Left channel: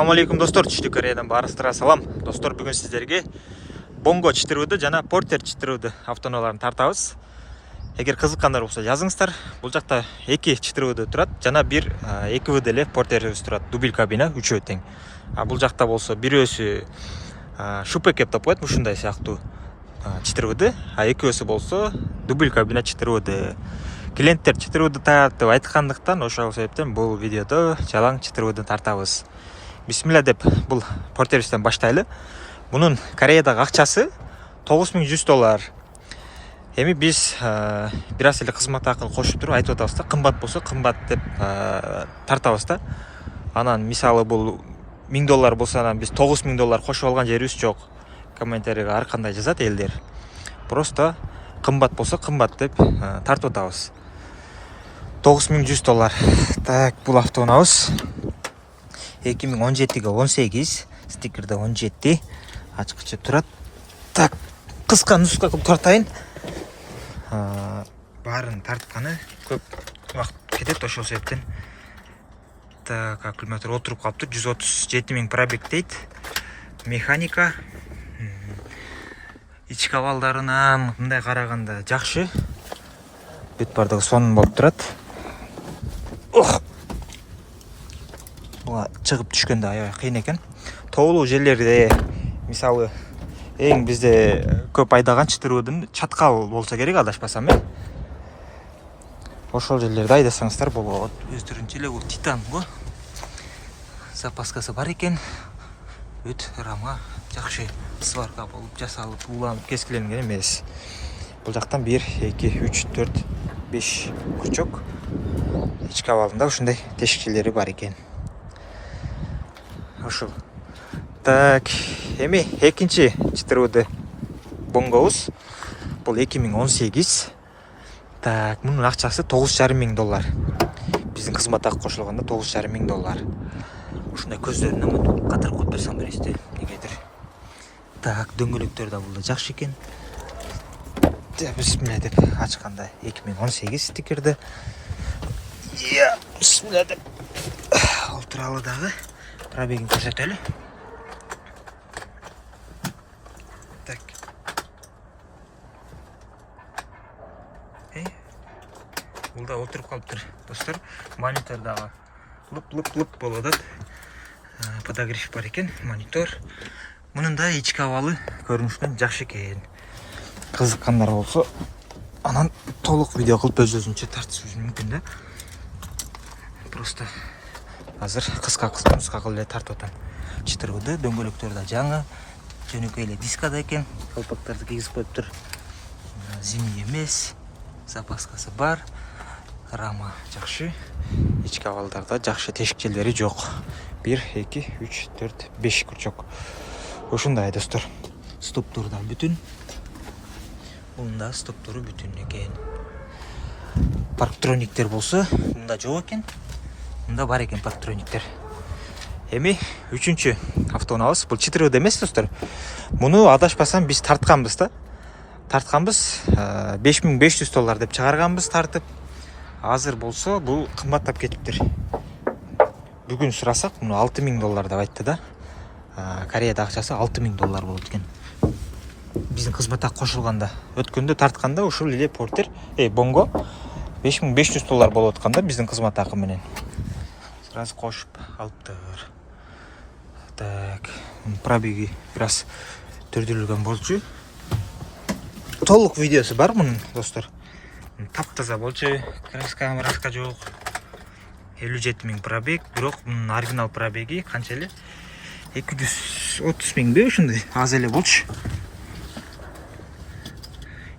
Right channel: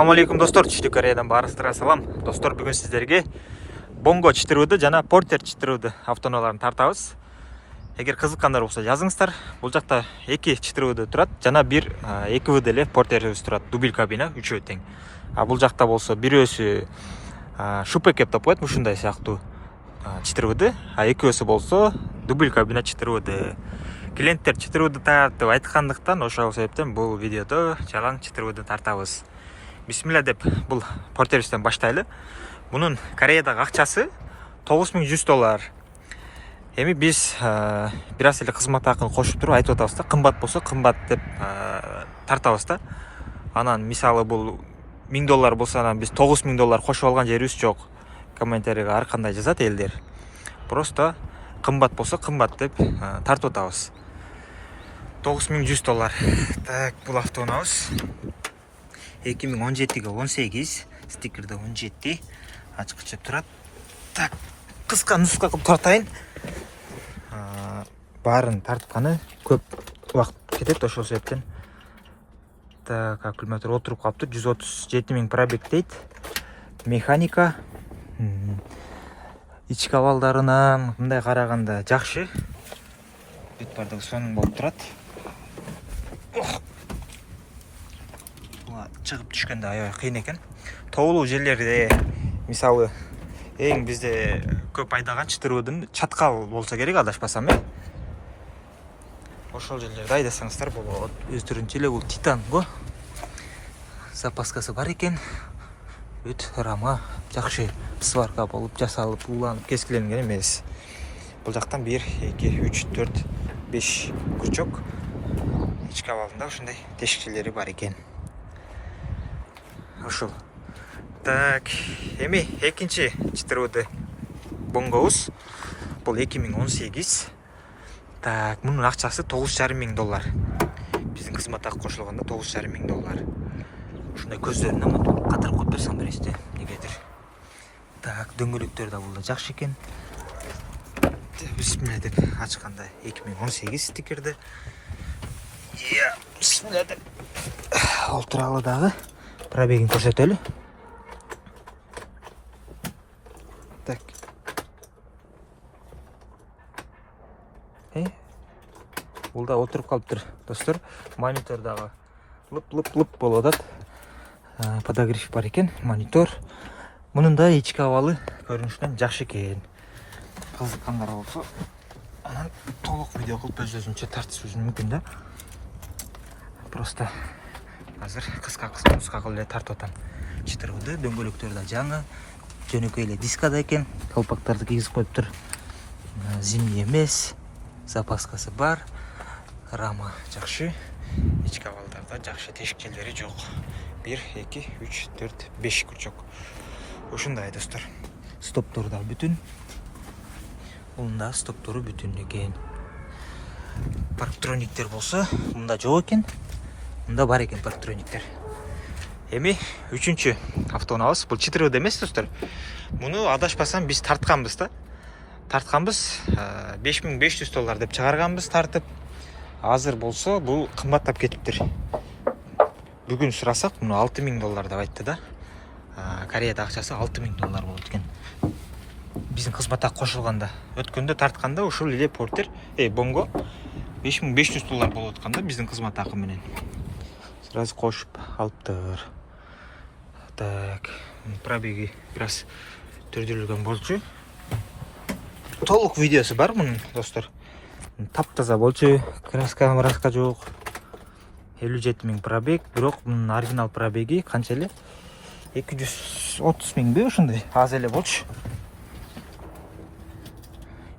Assalamu alaikum достор, Түштүк Кореядан барыңыздарга салам. Достор, бүгүн сиздерге Bongo чытырууду жана Porter чытырууду автоунааларын тартабыз. Эгер кызыккандар болсо жазыңыздар. Бул жакта 2 чытырууду турат жана бир 2 эле Porterибиз турат. Дубл кабина, үчөө тең. А бул жакта болсо бирөөсү шупек деп коет, ушундай сыяктуу чытырууду, а экөөсү болсо дубл кабина чытырууду. Клиенттер чытырууду тартып айткандыктан ошол себептен бул видеодо жалаң чытырууду тартабыз. Бисмилла деп бұл портерибизден баштайлы. Bunun Кореядагы акчасы $9100. Эми биз бир аз эле кызмат акын кошуп туруп айтып атабыз да, кымбат болсо кымбат деп тартабыз да. Анан мисалы бул $1000 болсо анан биз $9000 кошуп алган жерибиз жок. Комментарийге ар кандай жазат элдер. Просто кымбат болсо кымбат деп тартып атабыз. $9100. Так, бул автоунаабыз 2017-ге 18, стикерде 17, ачкычы турат. Так, кыска нуска кылып тартайын. Баарын тартканы көп убакыт кетет, ошол себептен. Так, аккумулятор отуруп калыптыр, 137 000 пробег дейт. Механика ички абалдарынан мындай караганда жакшы. Бүт бардыгы сонун болуп турат. Чыгып түшкөндө аябай кыйын экен. Тоолуу жерлерде, мисалы, эң бизде көп айдаган чытыруудун чаткал болсо керек, адашпасам, ошол жерлерде айдасаңыздар болот. Өздөрүнчө эле бул титан го. Запаскасы бар экен. Бүт рама жакшы сварка болуп жасалып, уланып, кескиленген эмес. Бул жактан 1, 2, 3, 4, 5 курчок. Ички абалында ушундай тешикчелери бар экен. Ошол. Так, эми экинчи чытырууду Bongo'буз. Бул 2018. Так, мунун акчасы $9500. Биздин кызмат акы кошулганда $9500. Ушундай көздөрүнөн катырып коюп берсең бересиз, негедир. Так, дөңгөлөктөр да бул да жакшы экен. Бисмилла деп ачканда 2018 стикерде. Бисмилла деп ал туралы дагы пробегин көрсөтөлү. Так. Бул да отуруп калыптыр, достор. Монитор дагы лып болуп атат. Подогрев бар экен, монитор. Мунун да ички абалы көрүнүшүнөн жакшы экен. Кызыккандар болсо, анан толук видео кылып өзүнчө тартышыбыз мүмкүн да. Просто азыр кыска кылып эле тартып атам. Чытырууду, дөңгөлөктөр да жаңы, жөнөкөй эле дискада экен, колпактарды кийгизип коюптур. Зимний эмес, запаскасы бар, рама жакшы, ички абалдарда жакшы тешикчелери жок. 1, 2, 3, 4, 5 курчок. Ушундай достор. Стоптору да бүтүн. Бунун да стоптору бүтүн экен. Парктрониктер болсо, мында жок экен. Мында бар экен парктрониктер. Эми үчүнчү автоунаабыз. Бул чытыруу эмес, достор. Муну адашпасам биз тартканбыз да. Тартканбыз, $5500 деп чыгарганбыз тартып. Азыр болсо бул кымбаттап кетиптир. Бүгүн сурасак, муну $6000 деп айтты да. Кореяда акчасы $6000 болот экен. Биздин кызмат акы кошулганда, өткөндө тартканда ушул эле Porter, Bongo $5500 болуп атканда биздин кызмат акы менен. Сразу кошуп алыптыр. Так, пробеги бир аз төрдүрүлгөн болчу. Толук видеосу бар мунун, достор. Таптаза болчу, краска жок. 57 000 пробег, бирок мунун оригинал пробеги канча эле? 230 000 ушундай, аз эле болчу.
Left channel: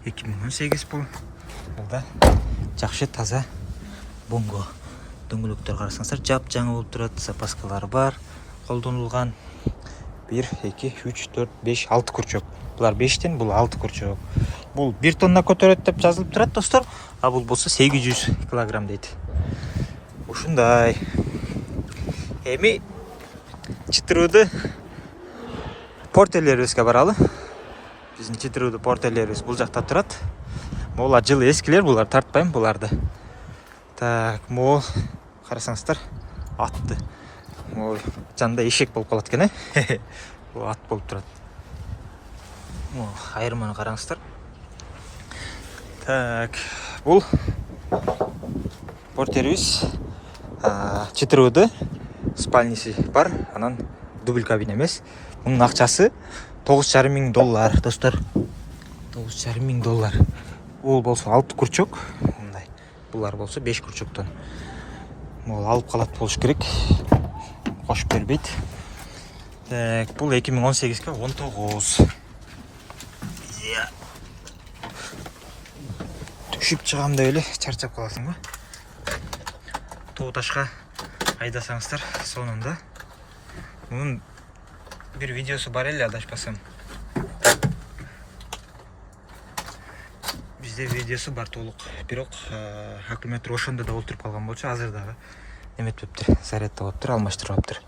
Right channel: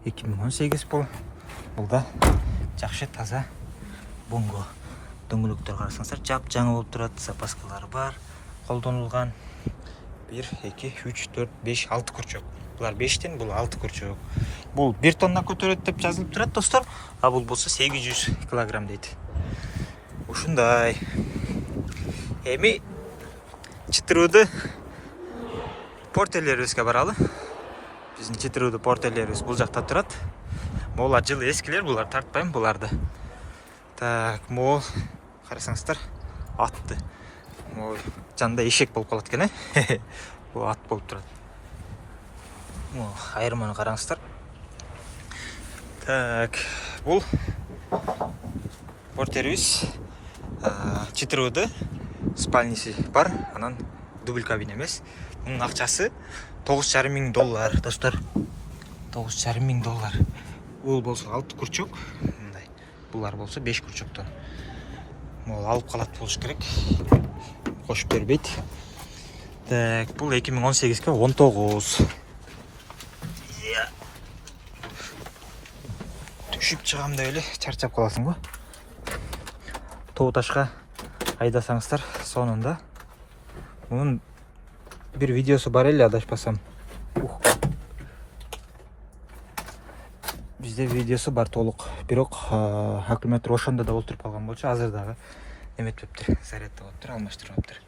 2018 бул. Бул да жакшы таза Bongo. Дөңгөлөктөр карасаңыздар жап жаңы болуп турат, запаскалары бар, колдонулган. 1, 2, 3, 4, 5, 6 курчок. Булар 5тен, бул 6 курчок. Бул 1 тонна көтөрөт деп жазылып турат, достор. А бул болсо 800 килограмм дейт. Ушундай. Эми чытырууду Porter'ибизге баралы. Биздин чытырууду Porter'ибиз бул жакта турат. Могулар жылы эскилер, булар тартпайм буларды. Так, могул карасаңыздар атты. жанында эшек болуп калат экен, Бул ат болуп турат. Айырманы караңыздар. Так, бул портерибиз 4 спальниси бар, анан дубль кабина эмес. Мунун акчасы $9,500 достор. $9,500. Бул болсо 6 курчок, мындай. Булар болсо 5 курчоктон. Мол алып калат болуш керек. Кошуп бербейт. Так, бул 2018-ге 19. Түшүп чыгам деп эле чарчап каласың го. Тоо ташка айдасаңыздар сонунда. Мунун бир видеосу бар эле, адашпасам. Бизде видеосу бар толук, бирок аккумулятор ошондо да олтуруп калган болчу, азыр дагы эметпептир, зарядда болуптур, алмаштырбаптыр.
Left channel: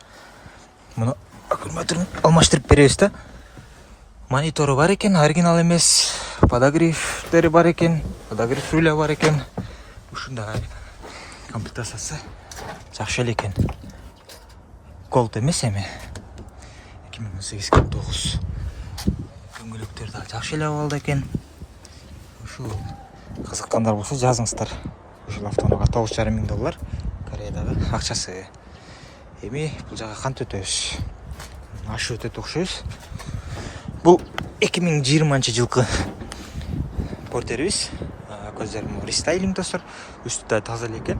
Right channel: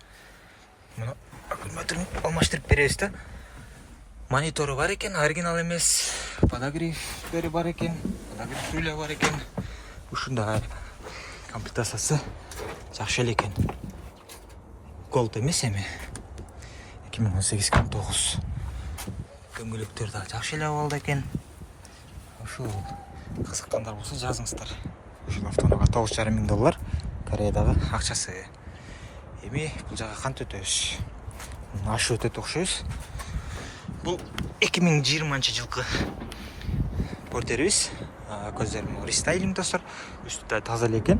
Муну аккумуляторун алмаштырып беребиз да. Монитору бар экен, оригинал эмес. Подогревтери бар экен, подогрев руля бар экен. Ушундай комплектациясы жакшы эле экен. Голд эмес эми. 2018-ге 9. Дөңгөлөктөр да жакшы эле абалда экен. Ушул кызыккандар болсо жазыңыздар. Ушул автоунааga $9,500 Кореядагы акчасы. Эми бул жака кантип өтөбүз? Ашы өтөт окшойбуз. Бул 2020-жылкы портерибиз. Көздөрүм рестайлинг достор. Үстү да таза эле экен.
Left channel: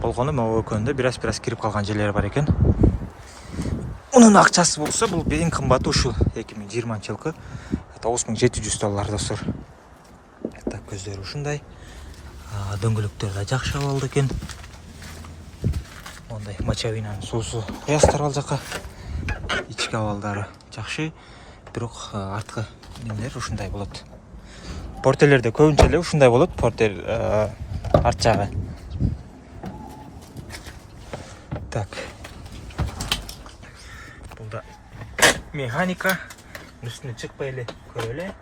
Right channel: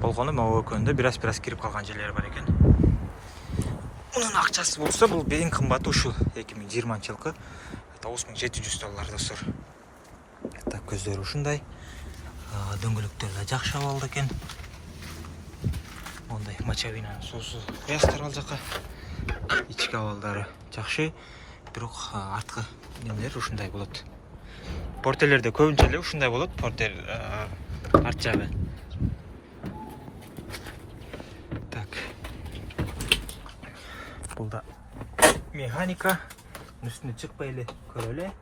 Болгону могу экөндө бираз кирип калган жерлери бар экен. Унун акчасы болсо бул эң кымбаты ушу 2020-жылкы $9,700 достор. Так, көздөрү ушундай. Дөңгөлөктөр да жакшы абалда экен. Ондай мочавинанын суусу куястар ал жака. Ички абалдары жакшы. Бирок арткы немелер ушундай болот. Портерлерде көбүнчө эле ушундай болот, портер арт жагы. Так. Бул да механика. Үстүнө чыкпай эле көрөлү.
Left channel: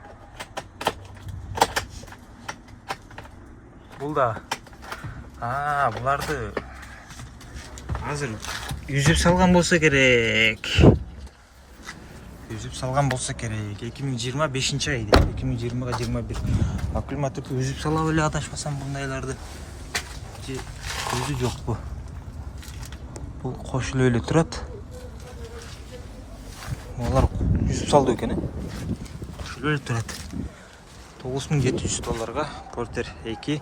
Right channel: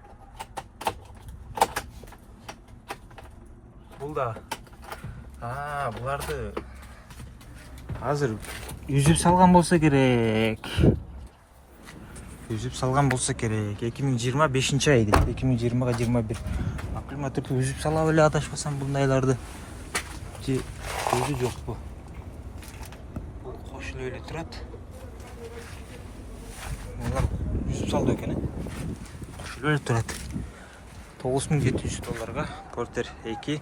Бул да буларды азыр үзүп салган болсо керек. 2025-ай, 2020-га 21. Аккумуляторду үзүп салап эле адашпасам бундайларды. Өзү жокпу. Бул кошулуп эле турат. Алар үзүп салды экен, кошулуп эле турат. $9,700 Портер 2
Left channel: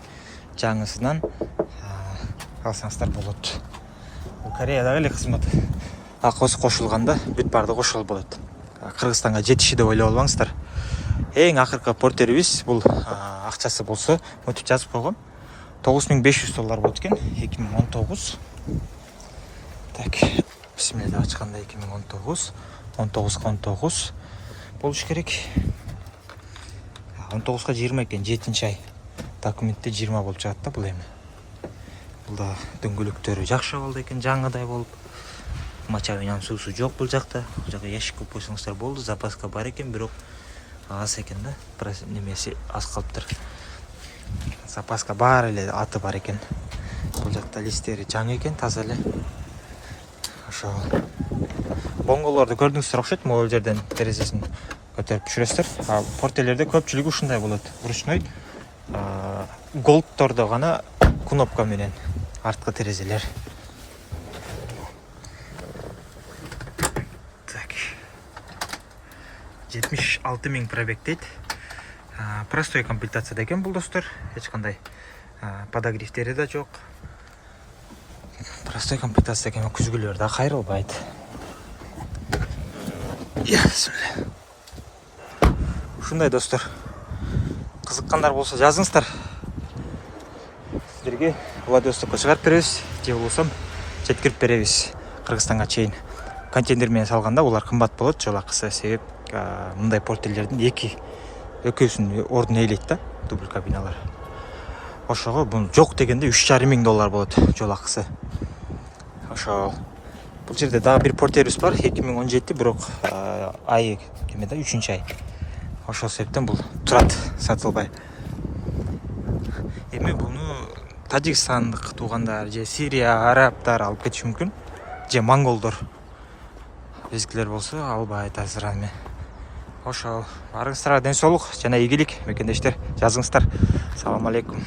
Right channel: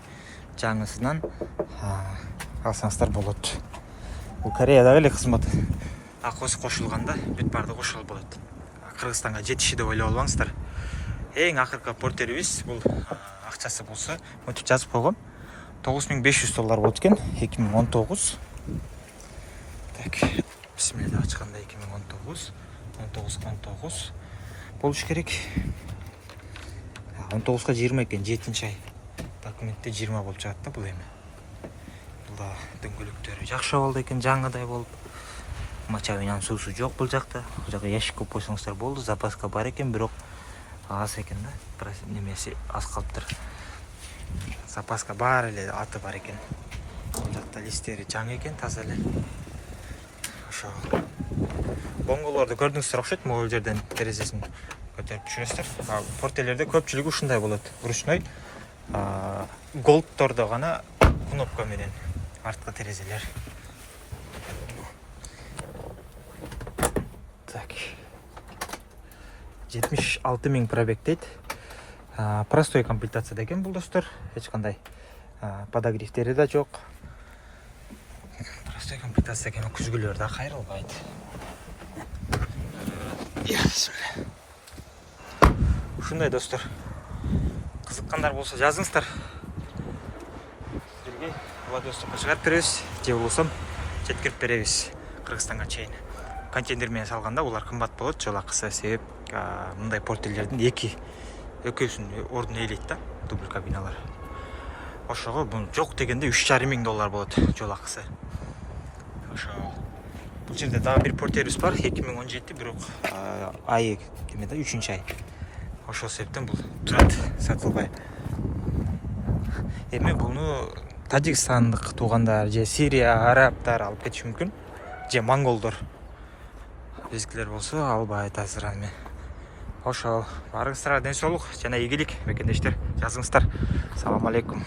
жаңысынан алсаңыздар болот. Бул Кореядагы эле кызмат. Акыбыз кошулганда бүт барды кошулуп болот. Кыргызстанга жетиши деп ойлоп албаңыздар. Эң акыркы портерибиз бул акчасы болсо, мынтип жазып койгом. $9,500 болот экен, 2019. Так, бисмилла ачканда 2019, 19 болуш керек. 19-га 20 экен, 7-ай. Документте 20 болуп чыгат да бул эми. Бул да дөңгөлөктөрү жакшы абалда экен, жаңыдай болуп. Мочавинанын суусу жок бул жакта. Бул жака ящик коюп койсоңуздар болду. Запаска бар экен, бирок аз экен да. Немеси аз калыптыр. Запаска бар эле, аты бар экен. Бул жакта листтери жаңы экен, таза эле. Ошо. Бонголорду көрдүңүздөр окшойт, могул жерден терезесин көтөрүп түшүрөсүздөр. Портерлерде көпчүлүгү ушундай болот. Ручной голдтордо гана кнопка менен арткы терезелер. Так. 76.000 пробег дейт. Простой комплектацияда экен бул достор. Эч кандай подогревтери да жок. Простой комплектацияда экен, күзгүлөр да кайрылбайт. Ушундай достор. Кызыккандар болсо жазыңыздар. Сиздерге Владивостокко чыгарып беребиз, же болбосо жеткирип беребиз Кыргызстанга чейин. Контейнер менен салганда улар кымбат болот, жол акысы, себеп мындай портерлердин экөөсүнүн ордун ээлейт да, дубль кабиналар. Ошого бул жок дегенде $3,500 болот жол акысы. Ошо бул жерде дагы бир портерибиз бар, 2017, бирок айы кемеде 3-ай. Ошол себептен бул турат, сатылбай. Эми буну Тажикстандык туугандар же Сирия, арабтар алып кетиши мүмкүн, же монголдор. безгилер болсо албай айтасыздар аны. Ошол барыңыздарга ден соолук жана ийгилик мекендештер, жазыңыздар. Салам алейкум.